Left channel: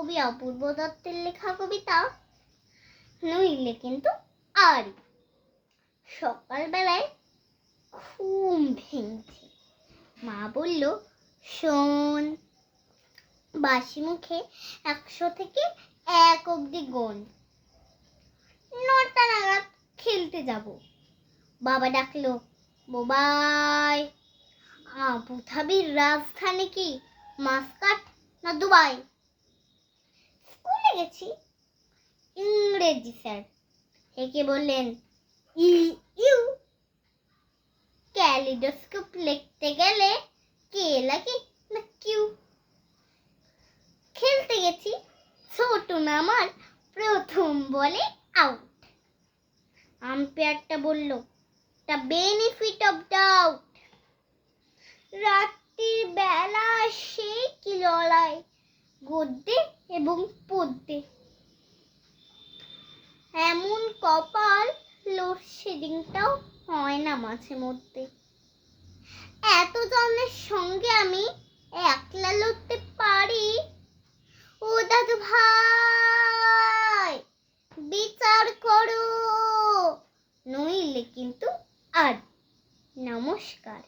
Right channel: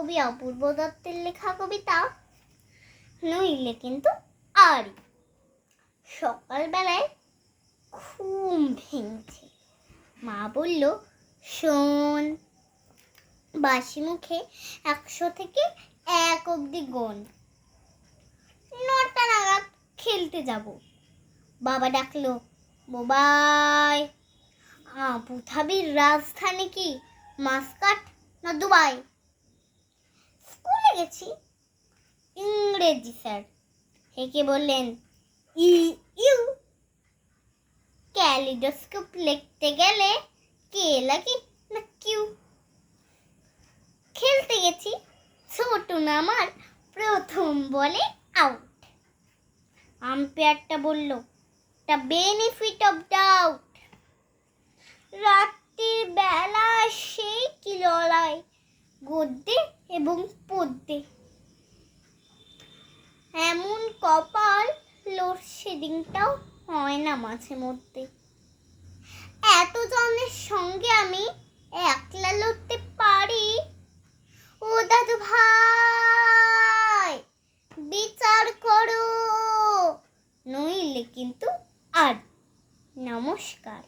কবি অপূর্ব দত্তের লেখা কবিতা, নইলে কিন্তু আরই। সকালবেলায় ঘুম ভেঙেছে, মা বলল, শোন, বাসি মুখে 100 থেকে 1 অবধি গোন, 9টা নাগাদ খেলতে যাব। বাবা ডাকলো, বোবাই, আবুধাবির রাজধানী কি মাস্কাট না দুবাই? স্কুলে গেছি। ইংরেজি স্যার হেঁকে বললেন, ইউ। ক্যালিডোস্কোপ লিখতে গেলে কে লাগে না কিউ। খেলতে গেছি, ছোট নামার প্রথম বলে আউট। আম্পায়ারটা বলল, দ্য বেনিফিট অফ ডাউট। রাত্রির বেলা সেই কি লড়াই গদ্যে এবং পদ্যে। এমন কপাল, লোডশেডিংটাও হয় না মাঝে মধ্যে। এত জনের সঙ্গে আমি একলা লড়তে পারি? ও দাদু ভাই, বিচার করো, নইলে কিন্তু আর। নমস্কার।